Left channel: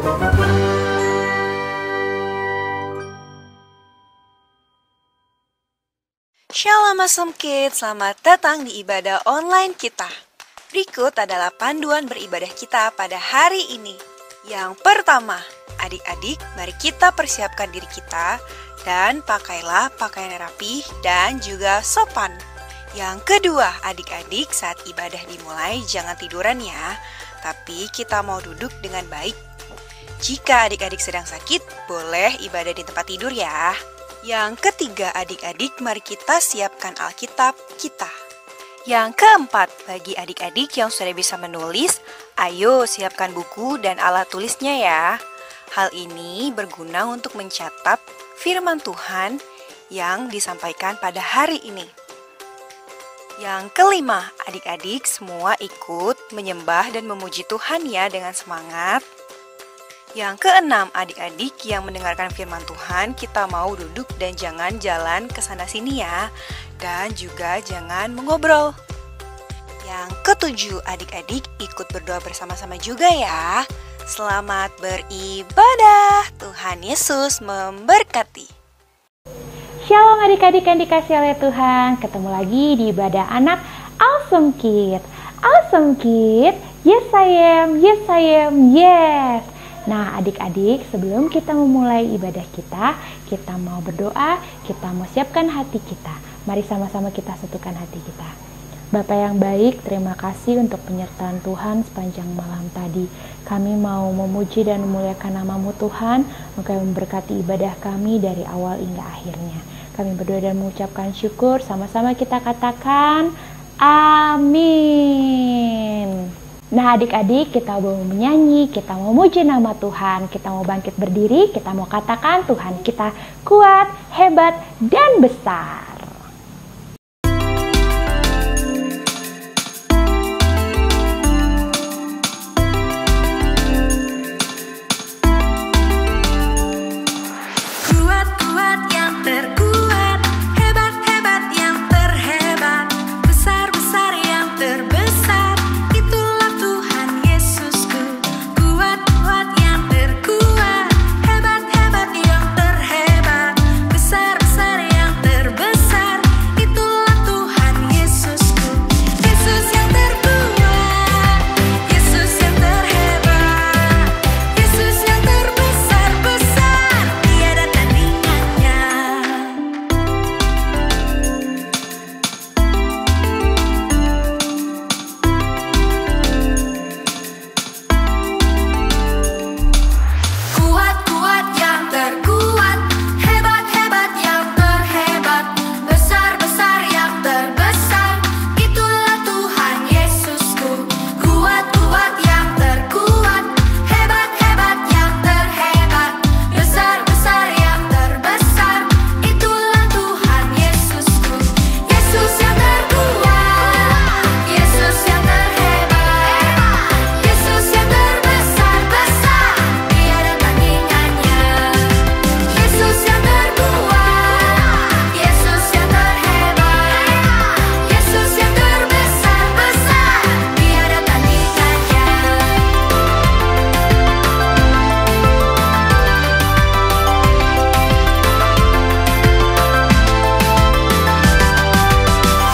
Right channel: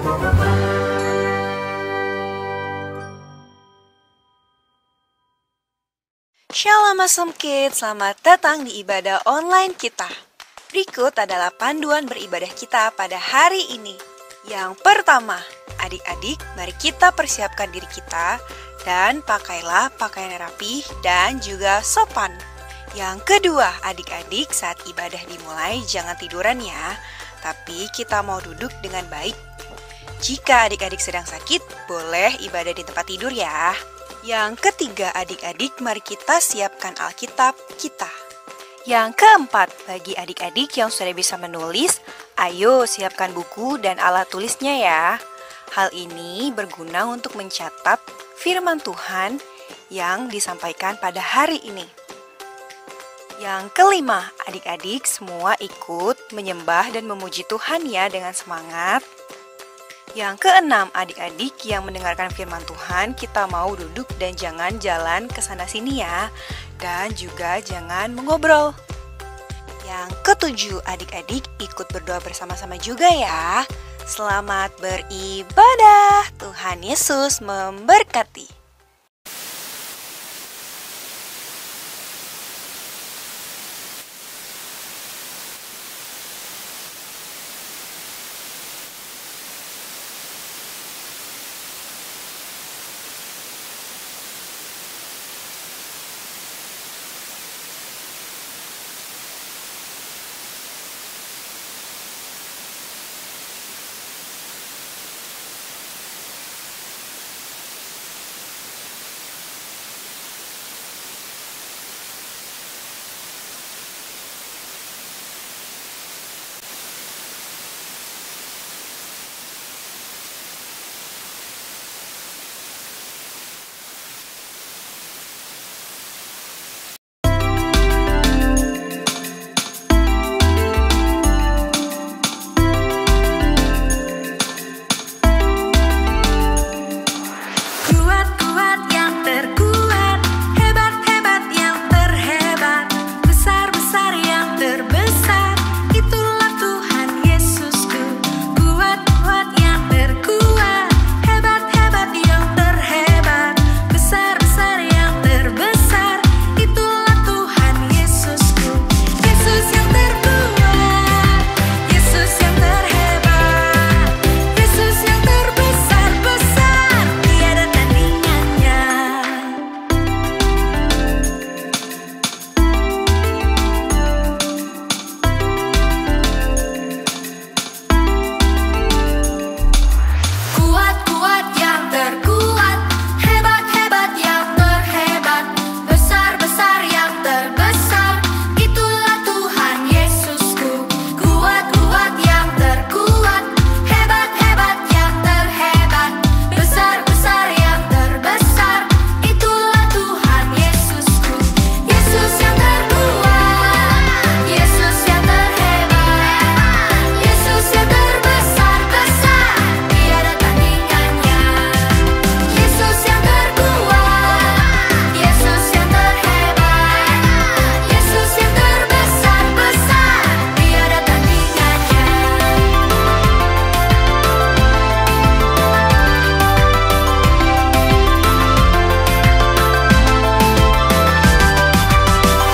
Shalom Awesome Kids, selamat datang di ibadah online kita. Berikut adalah panduan beribadah kita pada hari ini. Yang pertama, adik-adik, mari kita persiapkan diri kita dan pakailah pakaian rapi dan juga sopan. Yang kedua, adik-adik, saat ibadah dimulai jangan tiduran ya, tapi kita mau duduk dengan baik. Jika adik-adik sedang sakit, boleh ibadah di tempat tidur ya. Yang ketiga, adik-adik, mari kita siapkan Alkitab kita. Yang keempat, bagi adik-adik yang sudah bisa menulis, ayo siapkan buku dan alat tulisnya ya. Hal ini berguna untuk mencatat firman Tuhan yang disampaikan pada hari ini. Yang kelima, adik-adik semua ikut menyembah dan memuji Tuhan ya dengan semangat. Yang keenam, adik-adik yang mendengarkan firman Tuhan, kita mau duduk dan jangan jalan ke sana sini ya. Dan juga jangan mengobrol. Yang ketujuh, adik-adik ikut berdoa bersama-sama juga ya. Selamat beribadah. Tuhan Yesus memberkati. Shalom adik-adik yang dikasihi oleh Tuhan. Ketemu lagi di ibadah anak Awesome Kids. Awesome Kids, yes I am, yes I am, yes. Nah adik-adik, sebelum kita memulai ibadah kita mau berdoa, kita mau siapkan hati kita. Mari sama-sama kita satukan hati kita. Bapa yang baik, terima kasih untuk penyertaan Tuhan sepanjang malam tadi. Kami mau memuji dan memuliakan nama-Mu Tuhan, Engkau yang memberkati ibadah kami dari awal hingga akhirnya. Kami berdoa dan mengucapkan syukur, sama-sama kita katakan, amin. Nah adik-adik, kita mau menyanyi, kita mau memuji nama Tuhan, kita mau bangkit berdiri, kita mau katakan Tuhan kita kuat, hebat, dan besar. Kuat-kuat yang terkuat, hebat-hebat yang terhebat, besar-besar yang terbesar. Itulah Tuhan Yesusku. Kuat-kuat yang terkuat, hebat-hebat yang terhebat, besar-besar yang terbesar. Itulah Tuhan Yesusku. Yesus yang terkuat, Yesus yang terhebat, Yesus yang terbesar-besar, tiada tandingannya. Kuat-kuat yang terkuat, hebat-hebat yang terhebat, besar-besar yang terbesar. Itulah Tuhan Yesusku. Kuat-kuat yang terkuat, hebat-hebat yang terhebat, besar-besar yang terbesar. Itulah Tuhan Yesusku. Yesus yang terkuat, Yesus yang terhebat, Yesus yang terbesar-besar, tiada tandingannya. Yesus yang terkuat, Yesus yang terhebat, Yesus yang terbesar-besar, tiada tandingannya.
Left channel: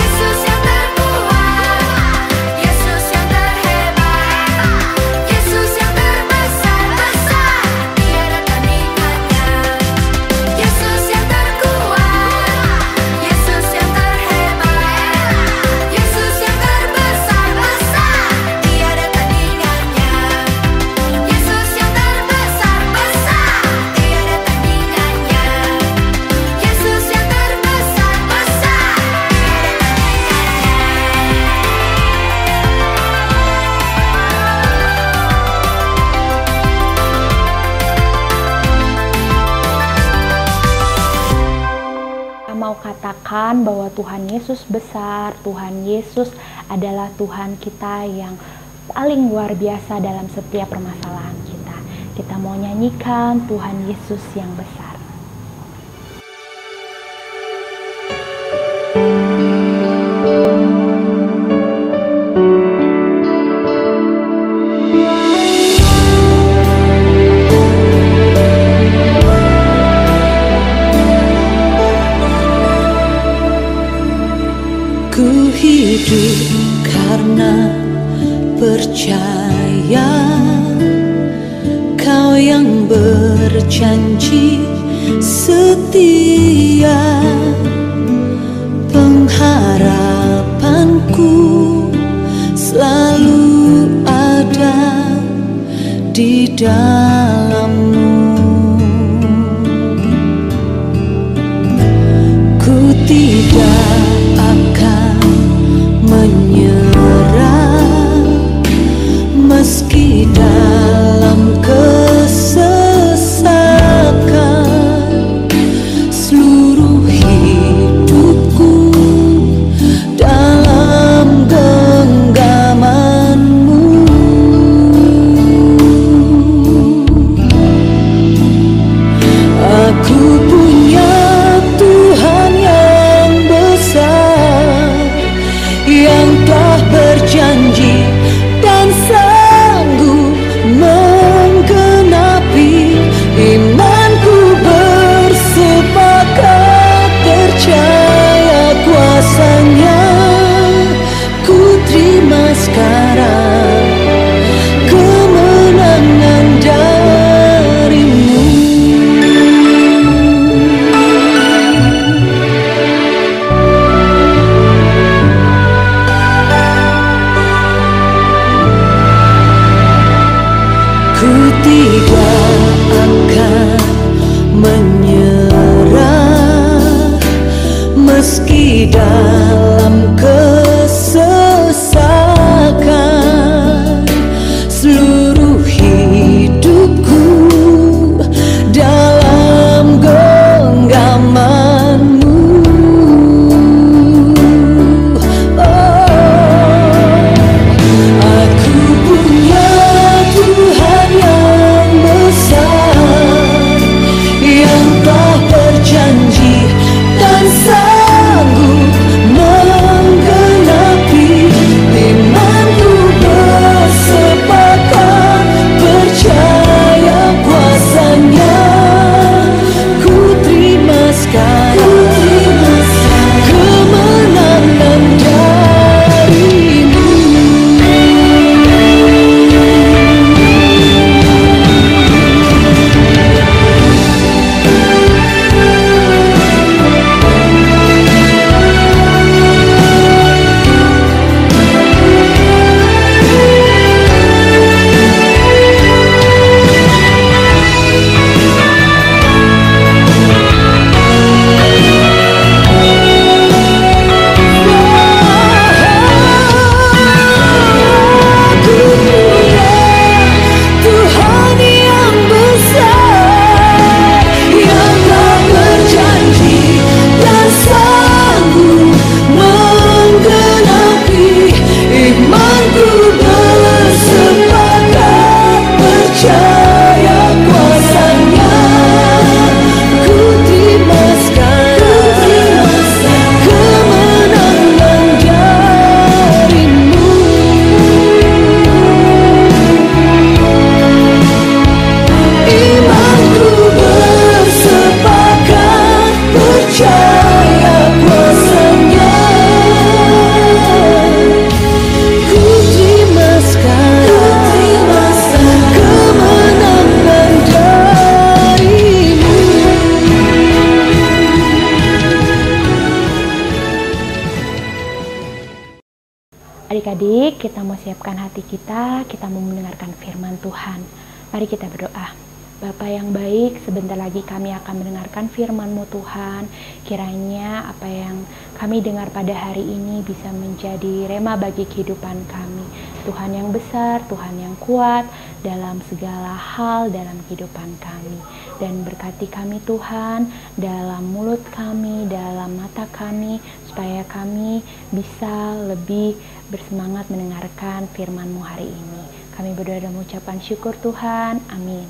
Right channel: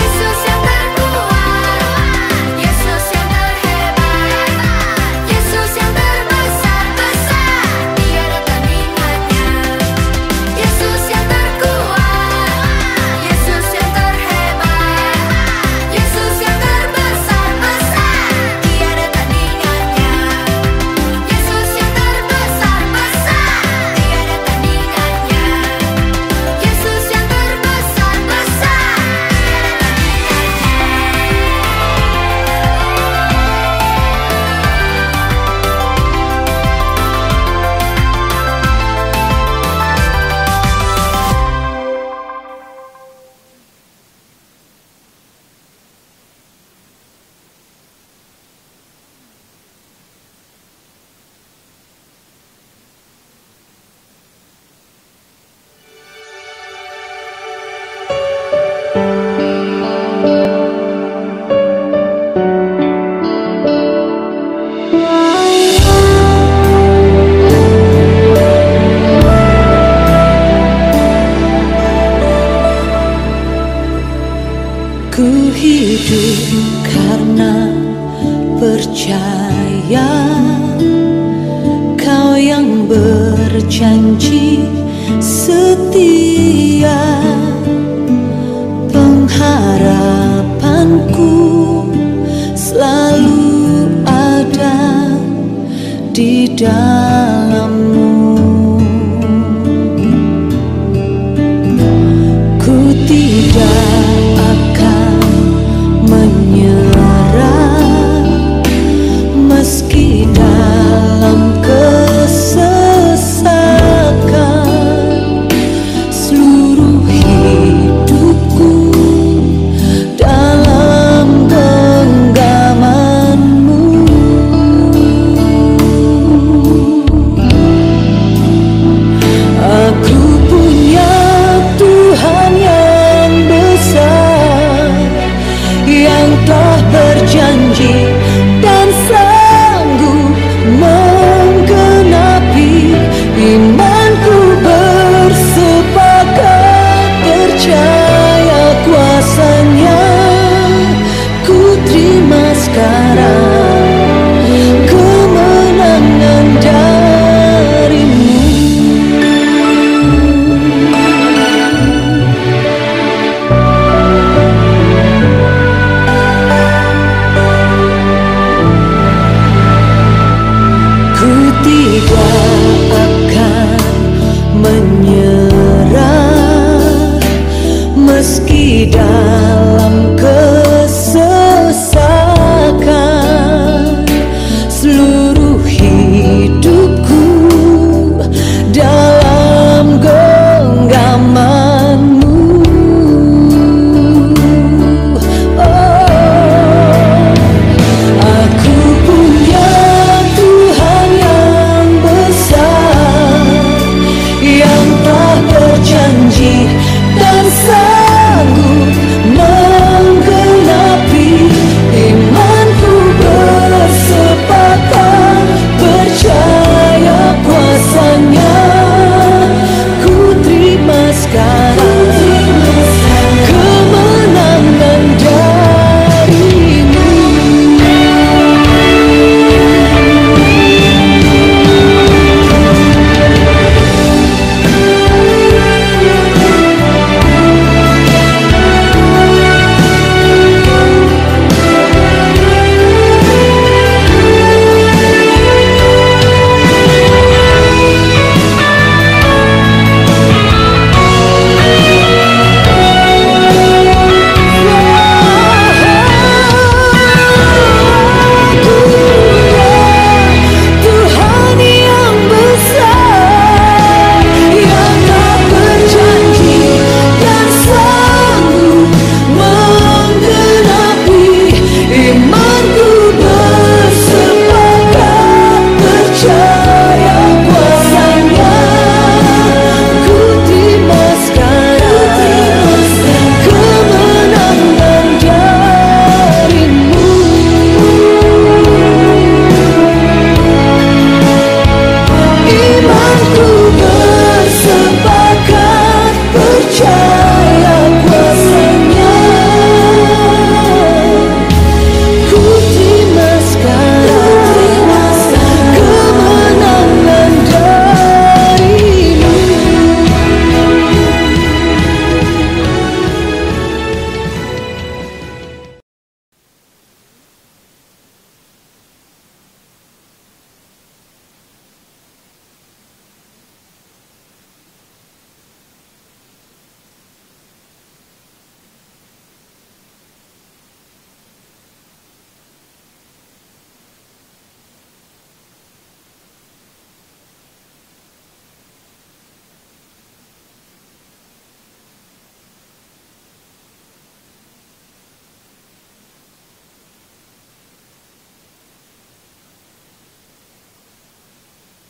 Yesus yang terkuat, Yesus yang terhebat, Yesus yang terbesar-besar, tiada tandingannya. Yesus yang terkuat, Yesus yang terhebat, Yesus yang terbesar-besar, tiada tandingannya. Yesus yang terbesar-besar, tiada tandingannya. Yesus yang terbesar-besar, tiada Kita mau katakan bahwa Tuhan Yesus besar, Tuhan Yesus adalah Tuhan kita yang paling luar biasa dalam setiap permasalahan kita. Kita mau nyanyikan Tuhan Yesus yang besar. hidup karena percaya. Kau yang berjanji setia, pengharapanku selalu ada di dalam-Mu. Ku tidak akan menyerah meski dalam kesesakan. Seluruh hidupku dalam genggaman-Mu. Aku punya Tuhan yang besar, yang telah berjanji dan sanggup menggenapi. Imanku bersepakat percaya kuasa-Nya. Ku terima sekarang kemenangan dari-Mu. Ku tidak akan menyerah meski dalam kesesakan. Seluruh hidupku dalam genggaman-Mu. Aku punya Tuhan yang besar, yang telah berjanji dan sanggup menggenapi. Imanku bersepakat percaya kuasa-Nya. Ku terima sekarang kemenangan dari-Mu. Adik-adik, kita mau siapkan hati kita mau mendengarkan firman Tuhan. Mari kita berdoa. Bapa yang baik, sebentar lagi kami akan mendengarkan firman-Mu Tuhan. Kiranya apa yang kami dengar pada hari ini bisa menjadi rema bagi kehidupan kami. Tuhan yang besar, Tuhan yang kuat dalam segala hal dalam kehidupan kami. Dan berkati kami Tuhan, dalam mulut kami, dalam mata kami, supaya kami bisa lebih bersemangat mendengarkan firman-Mu hari ini. Kami berdoa dan mengucapkan syukur Tuhan. Amin.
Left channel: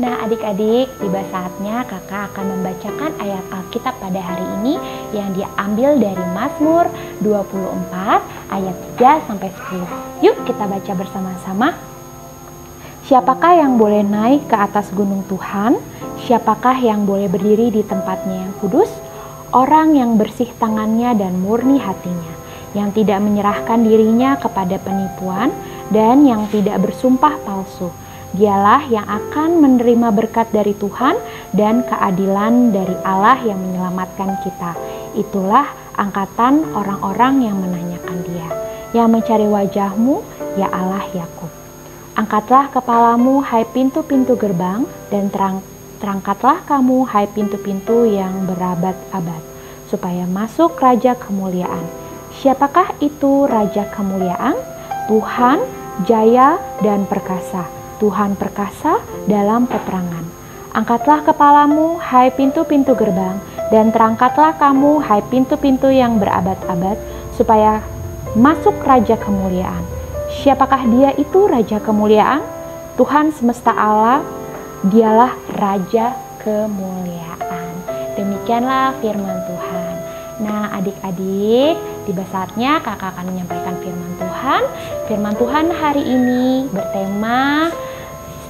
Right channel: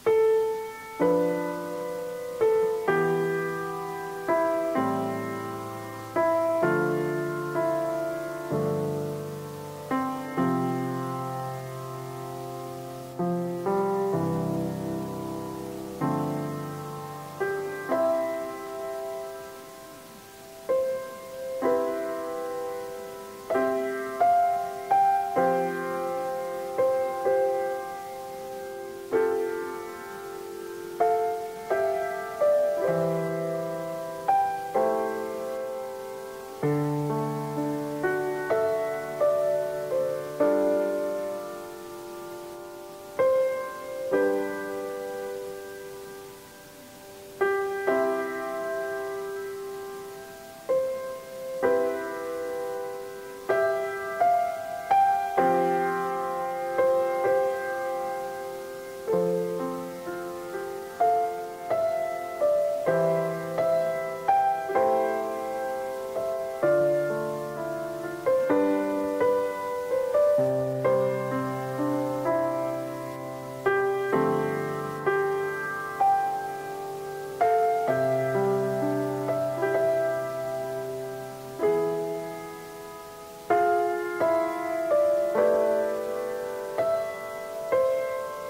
Nah, adik-adik, tiba saatnya kakak akan membacakan ayat Alkitab pada hari ini yang diambil dari Mazmur 24 ayat 3-10. Yuk kita baca bersama-sama. Siapakah yang boleh naik ke atas gunung Tuhan? Siapakah yang boleh berdiri di tempatnya yang kudus? Orang yang bersih tangannya dan murni hatinya, yang tidak menyerahkan dirinya kepada penipuan dan yang tidak bersumpah palsu. Dialah yang akan menerima berkat dari Tuhan dan keadilan dari Allah yang menyelamatkan kita. Itulah angkatan orang-orang yang menanyakan Dia, yang mencari wajah-Mu, ya Allah Yakub. Angkatlah kepalamu, hai pintu-pintu gerbang, dan terangkatlah kamu, hai pintu-pintu yang berabad-abad, supaya masuk Raja Kemuliaan. Siapakah itu Raja Kemuliaan? Tuhan, jaya dan perkasa. Tuhan perkasa dalam peperangan. Angkatlah kepalamu, hai pintu-pintu gerbang, dan terangkatlah kamu, hai pintu-pintu yang berabad-abad, supaya masuk Raja Kemuliaan. Siapakah Dia itu Raja Kemuliaan? Tuhan semesta Allah, Dialah Raja Kemuliaan. Demikianlah firman Tuhan. Nah, adik-adik, tiba saatnya kakak akan menyampaikan firman Tuhan. Firman Tuhan hari ini bertema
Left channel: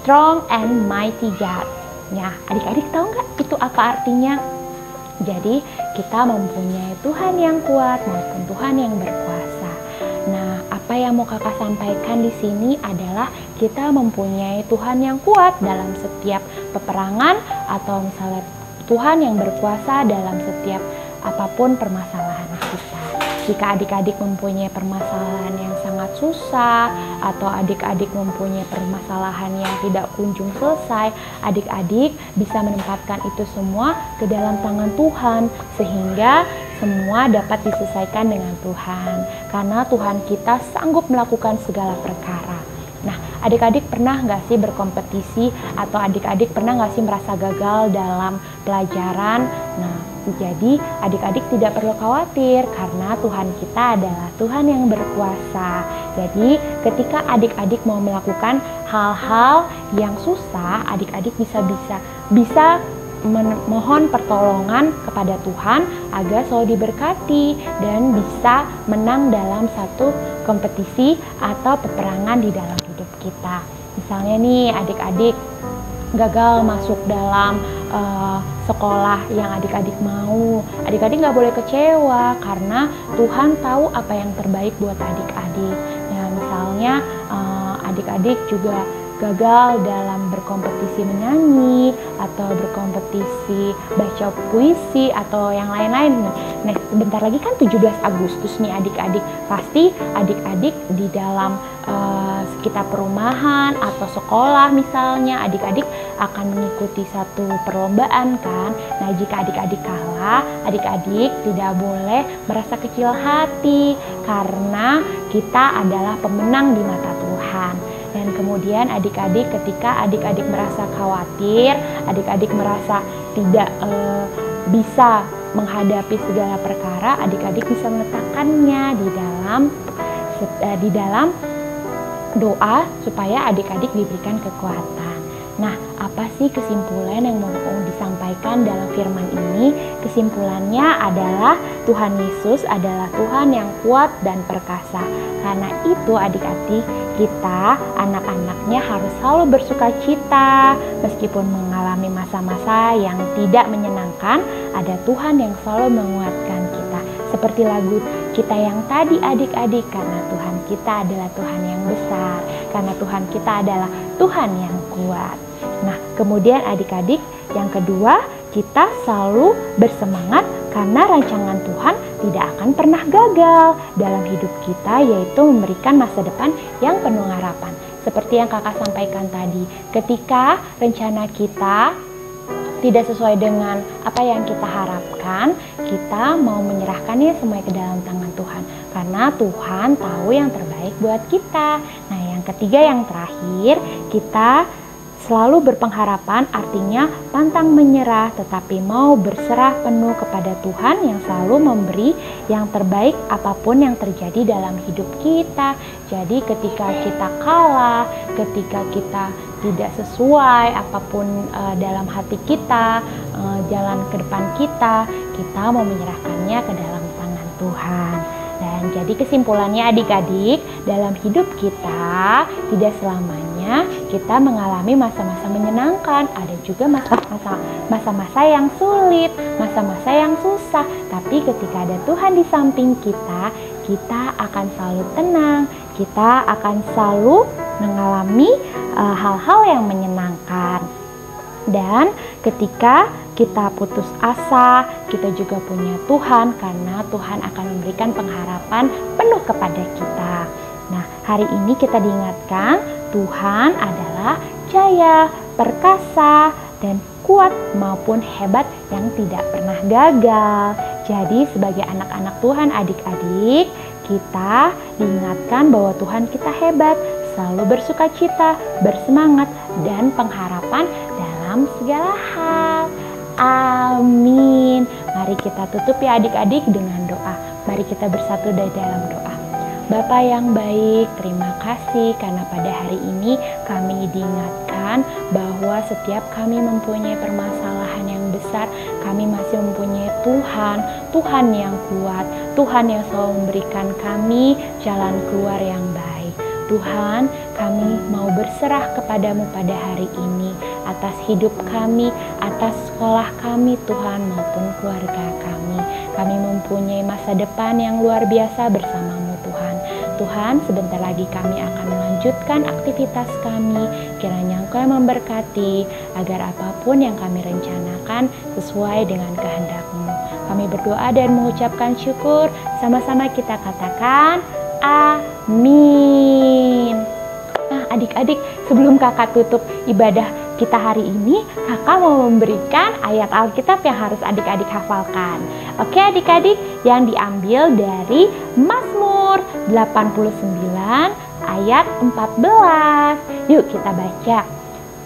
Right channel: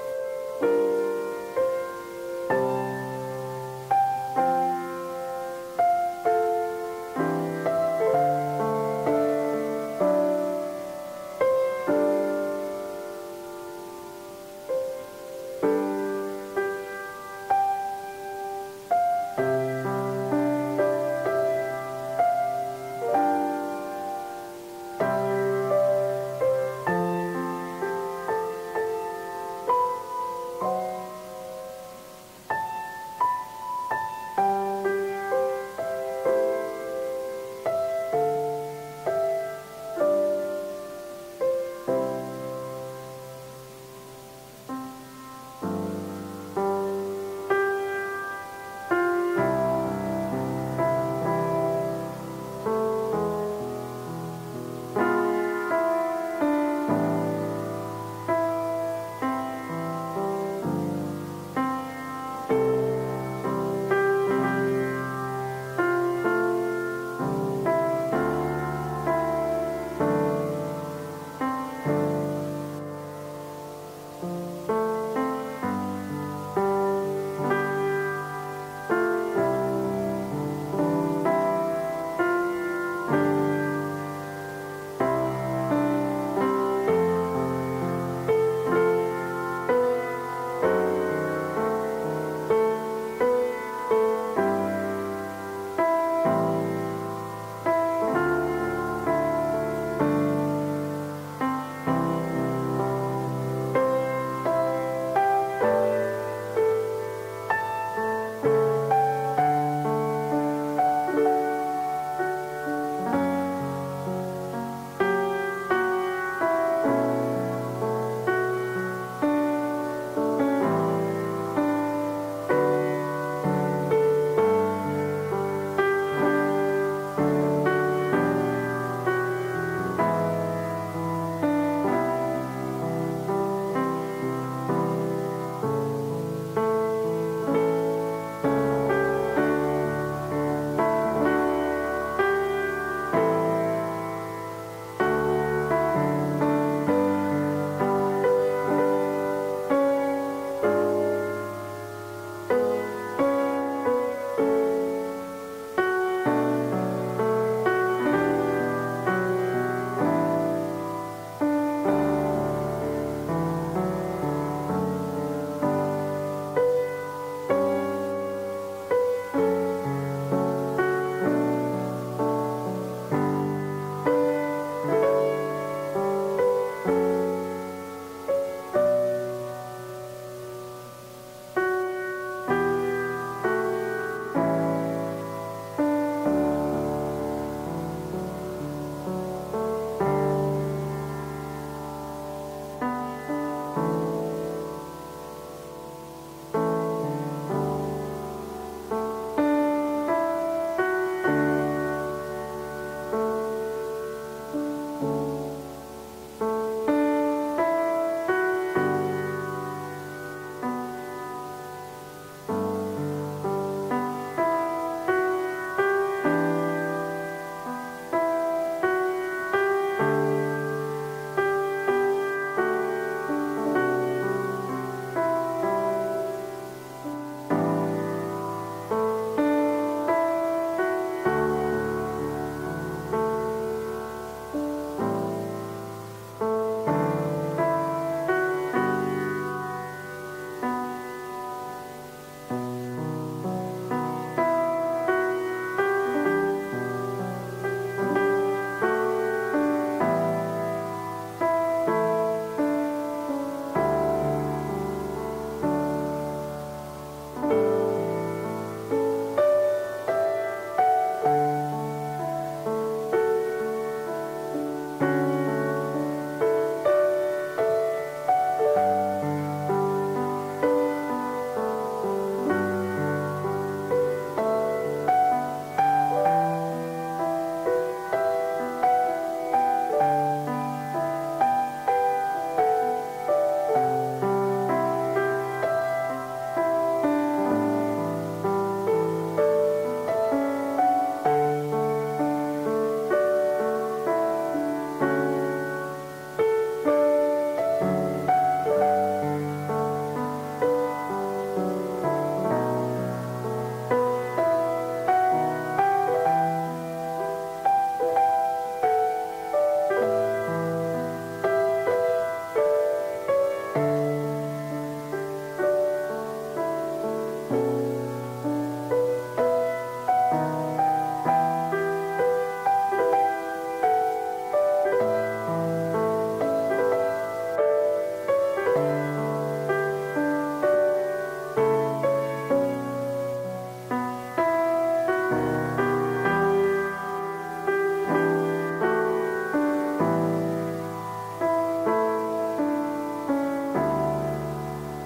Strong and Mighty God. Nah, adik-adik tahu nggak itu apa artinya? Jadi, kita mempunyai Tuhan yang kuat maupun Tuhan yang berkuasa. Nah, apa yang mau kakak sampaikan di sini adalah kita mempunyai Tuhan yang kuat dalam setiap peperangan, atau misalnya Tuhan yang berkuasa dalam setiap apapun permasalahan kita. Jika adik-adik mempunyai permasalahan yang sangat susah, atau adik-adik mempunyai permasalahan yang tidak kunjung selesai, adik-adik bisa menempatkan itu semua ke dalam tangan Tuhan, sehingga semua dapat diselesaikan dengan Tuhan, karena Tuhan kita sanggup melakukan segala perkara. Nah, adik-adik pernah nggak sih berkompetisi, atau adik-adik pernah nggak sih merasa gagal dalam pelajaran? Nah, jadi adik-adik tidak perlu khawatir, karena Tuhan kita adalah Tuhan yang berkuasa. Jadi ketika adik-adik mau melakukan hal-hal yang susah, adik-adik bisa memohon pertolongan kepada Tuhan agar selalu diberkati dan bisa menang dalam satu kompetisi atau peperangan di dalam hidup kita. Misalnya nih, adik-adik gagal masuk dalam sekolah yang adik-adik mau, adik-adik nggak boleh kecewa, karena Tuhan tahu apa yang terbaik buat adik-adik. Nah, misalnya adik-adik juga gagal dalam berkompetisi menyanyi, atau berkompetisi baca puisi, atau yang lain-lain. Nah, bentar lagi kan 17 Agustus nih adik-adik. Pasti adik-adik di dalam sekitar perumahan atau sekolah misalnya, adik-adik akan mengikuti satu perlombaan kan. Nah, jika adik-adik kalah, adik-adik tidak boleh merasa kecil hati, karena kita adalah pemenang di mata Tuhan. Dan kemudian adik-adik, ketika adik-adik merasa khawatir, adik-adik merasa tidak bisa menghadapi segala perkara, adik-adik bisa meletakkannya di dalam doa supaya adik-adik diberikan kekuatan. Nah, apa sih kesimpulan yang mau disampaikan dalam firman ini? Kesimpulannya adalah Tuhan Yesus adalah Tuhan yang kuat dan perkasa. Karena itu adik-adik, kita anak-anaknya harus selalu bersuka cita meskipun mengalami masa-masa yang tidak menyenangkan. Ada Tuhan yang selalu menguatkan kita. Seperti lagu kita yang tadi adik-adik, karena Tuhan kita adalah Tuhan yang besar, karena Tuhan kita adalah Tuhan yang kuat. Nah, kemudian adik-adik, yang kedua, kita selalu bersemangat karena rancangan Tuhan tidak akan pernah gagal dalam hidup kita, yaitu memberikan masa depan yang penuh harapan. Seperti yang kakak sampaikan tadi, ketika rencana kita tidak sesuai dengan apa yang kita harapkan, kita mau menyerahkannya semua ke dalam tangan Tuhan, karena Tuhan tahu yang terbaik buat kita. Nah, yang ketiga, yang terakhir, kita selalu berpengharapan, artinya pantang menyerah, tetapi mau berserah penuh kepada Tuhan yang selalu memberi yang terbaik apapun yang terjadi dalam hidup kita. Jadi ketika kita kalah, ketika kita tidak sesuai apapun dalam hati kita, jalan ke depan kita mau menyerahkannya ke dalam tangan Tuhan. Dan jadi kesimpulannya adik-adik, dalam hidup kita tidak selamanya kita mengalami masa-masa menyenangkan, ada juga masa-masa yang sulit, masa-masa yang susah. Tapi ketika ada Tuhan di samping kita akan selalu tenang, kita akan selalu mengalami hal-hal yang menyenangkan. Dan ketika kita putus asa, kita juga punya Tuhan, karena Tuhan akan memberikan pengharapan penuh kepada kita. Nah, hari ini kita diingatkan Tuhan adalah jaya, perkasa, dan kuat maupun hebat yang tidak pernah gagal. Jadi sebagai anak-anak Tuhan, adik-adik, kita diingatkan bahwa Tuhan kita hebat, selalu bersukacita, bersemangat, dan pengharapan dalam segala hal. Amin. Mari kita tutup ya adik-adik dengan doa. Mari kita bersatu di dalam doa. Bapa yang baik, terima kasih karena pada hari ini kami diingatkan bahwa setiap kami mempunyai permasalahan yang besar, kami masih mempunyai Tuhan yang kuat, Tuhan yang selalu memberikan kami jalan keluar yang baik. Tuhan, kami mau berserah kepadamu pada hari ini atas hidup kami, atas sekolah kami Tuhan maupun keluarga kami. Kami mempunyai masa depan yang luar biasa bersamamu Tuhan. Tuhan, sebentar lagi kami akan melanjutkan aktivitas kami. Kiranya Engkau yang memberkati agar apapun yang kami rencanakan sesuai dengan kehendak-Mu. Kami berdoa dan mengucapkan syukur. Sama-sama kita katakan amin. Nah adik-adik, sebelum kakak tutup ibadah kita hari ini, kakak mau memberikan ayat Alkitab yang harus adik-adik hafalkan. Oke adik-adik, yang diambil dari Mazmur 89 ayat 14. Yuk kita baca.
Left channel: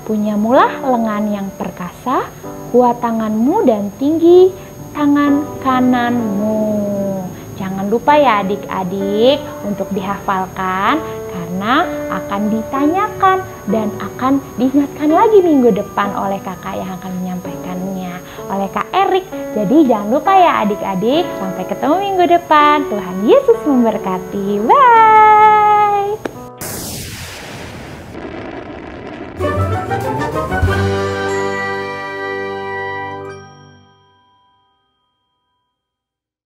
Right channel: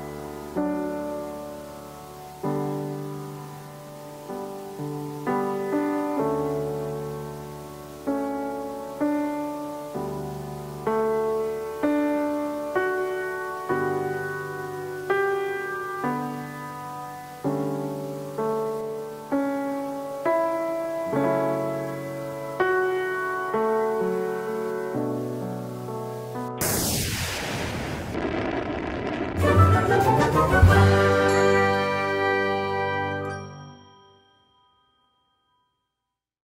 Punyamulah lengan yang perkasa, kuat tanganmu dan tinggi tangan kananmu. Jangan lupa ya adik-adik untuk dihafalkan, karena akan ditanyakan dan akan diingatkan lagi minggu depan oleh kakak yang akan menyampaikannya, oleh Kak Erik. Jadi jangan lupa ya adik-adik, sampai ketemu minggu depan. Tuhan Yesus memberkati. Bye.